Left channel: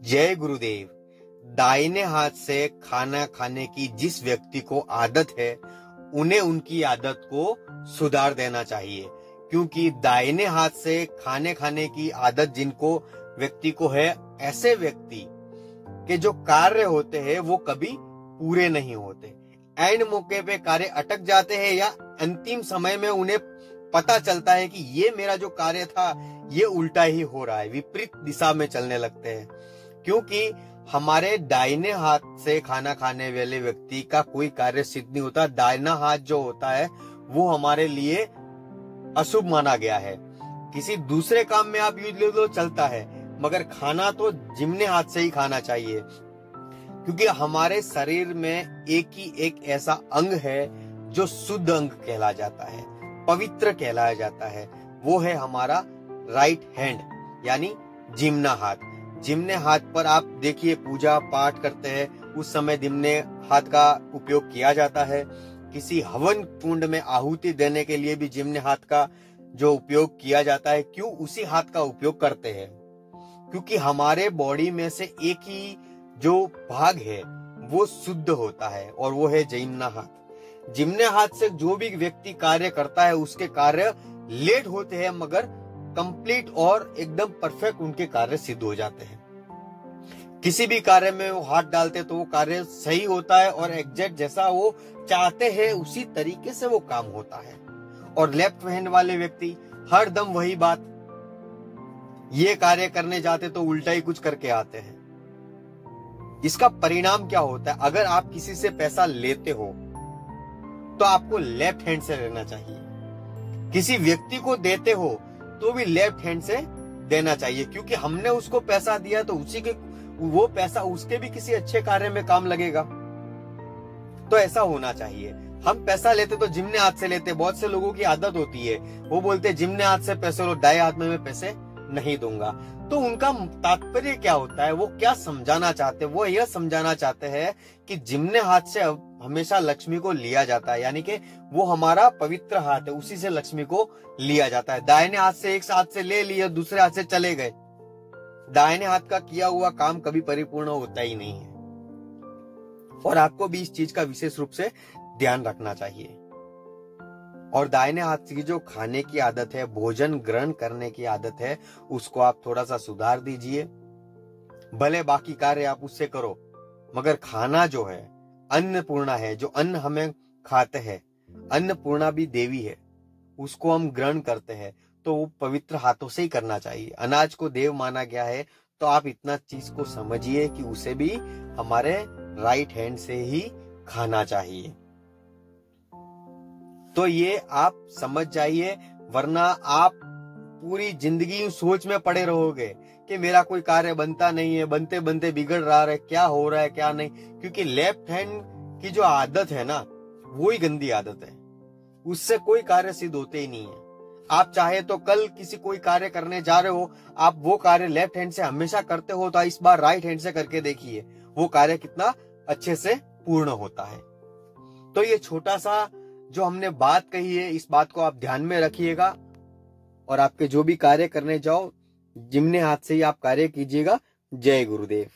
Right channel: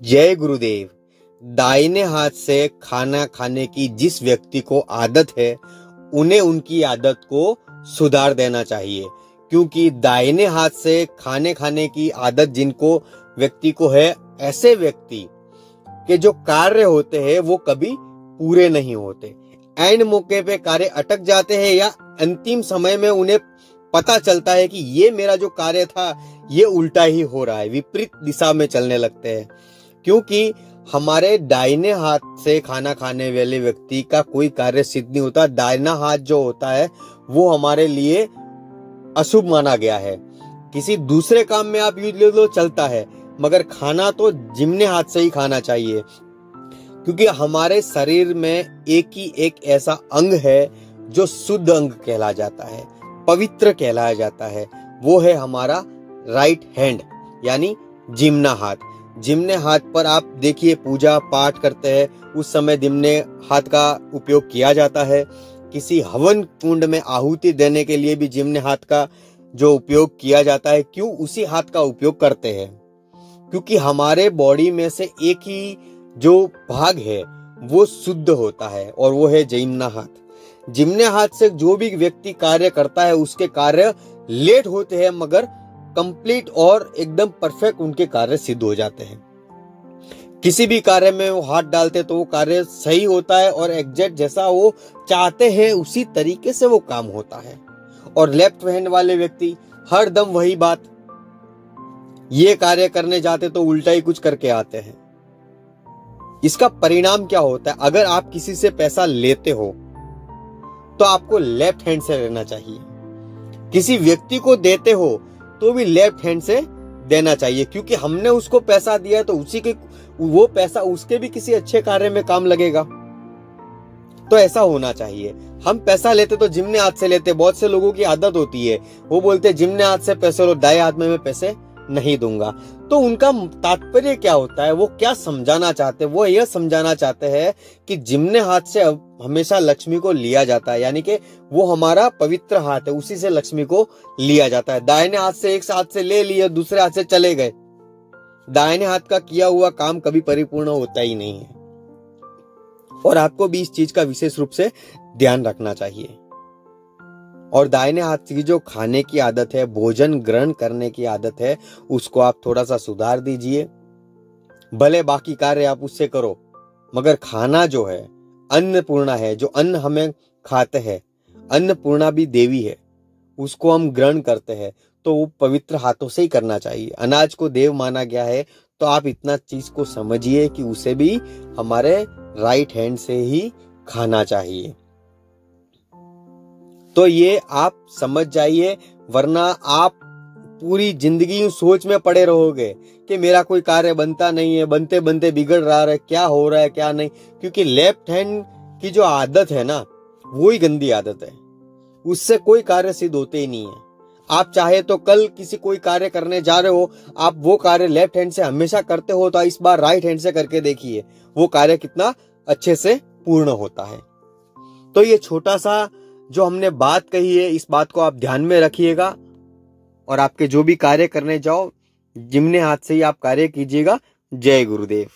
जय गुरुदेव। दाहिने हाथ से खाना खाने की जिस व्यक्ति को आदत है, उन्हें उनकी आदत को सुधार देना चाहिए, क्योंकि दाहिने हाथ से खाने खाने की आदत जिनको व्यक्ति को है, ऐसे व्यक्ति के जो कार्य होते हैं वो कभी पूरे नहीं होते। एंड मौके पे कार्य अटक जाते हैं या अंतिम समय में उन्हें पता चलता है कि ये मेरा जो कार्य था ये उल्टा ही हो रहा है, विपरीत दिशा में चलने लगते हैं। क्योंकि हमारे दाहिने हाथ से खाना खाने वाले व्यक्ति का कोई कार्य सिद्ध नहीं होता। दाहिना हाथ जो होता है वो हमारे लिए अशुभ माना गया है। किसी दूसरे काम में आप यूज ले लो चलता है, मगर खाना तो जिम्ने हाथ से ही खाना चाहिए, क्योंकि हमारे शरीर में एक ऐसा अंग है जो शुद्ध अंग कहला जाता है, पवित्र कहलाया जाता है। वो है हमारा राइट हैंड, यानी जिम्ना हाथ। जिम्ने हाथ पर आप देखिए, पूजा पाठ करते हैं उस समय जिम्ने हाथ का उपयोग किया जाता है। किसी हवन कुंड में आहुति देने के लिए भी जिम्ने हाथ का जो उपयोग किया जाता है। क्यों उसी हाथ का उपयोग करते हैं? क्योंकि हमारे बॉडी में से एक ही जो भाग है वो शुद्ध होता है, और वो है जिम्ना हाथ। जिम्ने हाथ से जो भी व्यक्ति कार्य करता है उसके कार्य लेट होते हैं, मगर कंप्लीट और एकदम परफेक्ट उनके कार्य सिद्ध हो जाते हैं। किसी भी कार्य में वो हाथ डालते तो वो कार्य सही होता है, और एग्जैक्ट जैसा वो चाहते हैं उसी तरीके से वो काम होता है। और लेफ्ट हैंड वाले व्यक्ति हर दम वही बात, ये कार्य करने जाते तो उल्टा ही कुछ करके आते हैं। इसका परिणाम क्या होता है? अगर आप किसी से पैसा लेते हो तो आपको लेफ्ट हैंड से लेना चाहिए। किसी व्यक्ति को देते हो तो भी लेफ्ट हैंड से देना चाहिए, क्योंकि हमने उसको पैसा दिया तो उसी के वो पैसा उसके भी किसी अच्छे कार्य में काम लगेगा। तो ऐसा होना चाहिए। हम पैसा लेते तो जिम्ने हाथ से लेते। बहुत से लोगों की आदत होती है, वो बोलते जिम्ने हाथ से पैसे लो, दाएं हाथ में मैं पैसे नहीं दूंगा। तो उनका तात्पर्य क्या होता है? वो क्या समझाना चाहते हैं? वो यह समझाना चाहते हैं कि जिम्ने हाथ से हमेशा लक्ष्मी को लिया जाता है, यानी कि वो हमारा पवित्र हाथ है, उसी से लक्ष्मी को लिया जाता है। दाहिने हाथ से एक हाथ से ले लिए, दूसरे हाथ से चले गए। दाहिने हाथ का किया हुआ काम कभी परिपूर्ण होता ही नहीं है, और आपको भी इस चीज का विशेष रूप से ध्यान रखना चाहिए। और दाहिने हाथ की जो खाने की आदत है, भोजन ग्रहण करने की आदत है, उसको आप थोड़ा सा सुधार दीजिए। भले बाकी कार्य आप उससे करो, मगर खाना जो है अन्नपूर्णा है, जो अन्न हमें खाते हैं, अन्नपूर्णा भी देवी है, उसको हम ग्रहण करते हैं तो वो पवित्र हाथों से ही करना चाहिए। अनाज को देव माना गया है, तो आप इतना चीज को समझिए कि उसे भी हमारे राइट हैंड से ही खाना चाहिए। तो ये आप समझ जाइए, वरना आप पूरी जिंदगी सोच में पड़े रहोगे कि मेरा कोई कार्य बनता नहीं है, बनते बनते बिगड़ रहा है, क्या हो रहा है क्या नहीं। क्योंकि लेफ्ट हैंड की जो आदत है ना, वो ही गंदी आदत है, उससे कोई कार्य सिद्ध होते ही नहीं है। आप चाहे तो कल किसी कोई कार्य करने जा रहे हो, आप वो कार्य लेफ्ट हैंड से हमेशा करते हो, तो इस बार राइट हैंड से करके देखिए वो कार्य कितना अच्छे से पूर्ण होता है। तो ये छोटा सा जो हमने बात कही है, इस बात को आप ध्यान में रखिएगा, और आपके जो भी कार्य करने जाओ जिम्ने हाथ से ही आप कार्य कीजिएगा। जय गुरुदेव।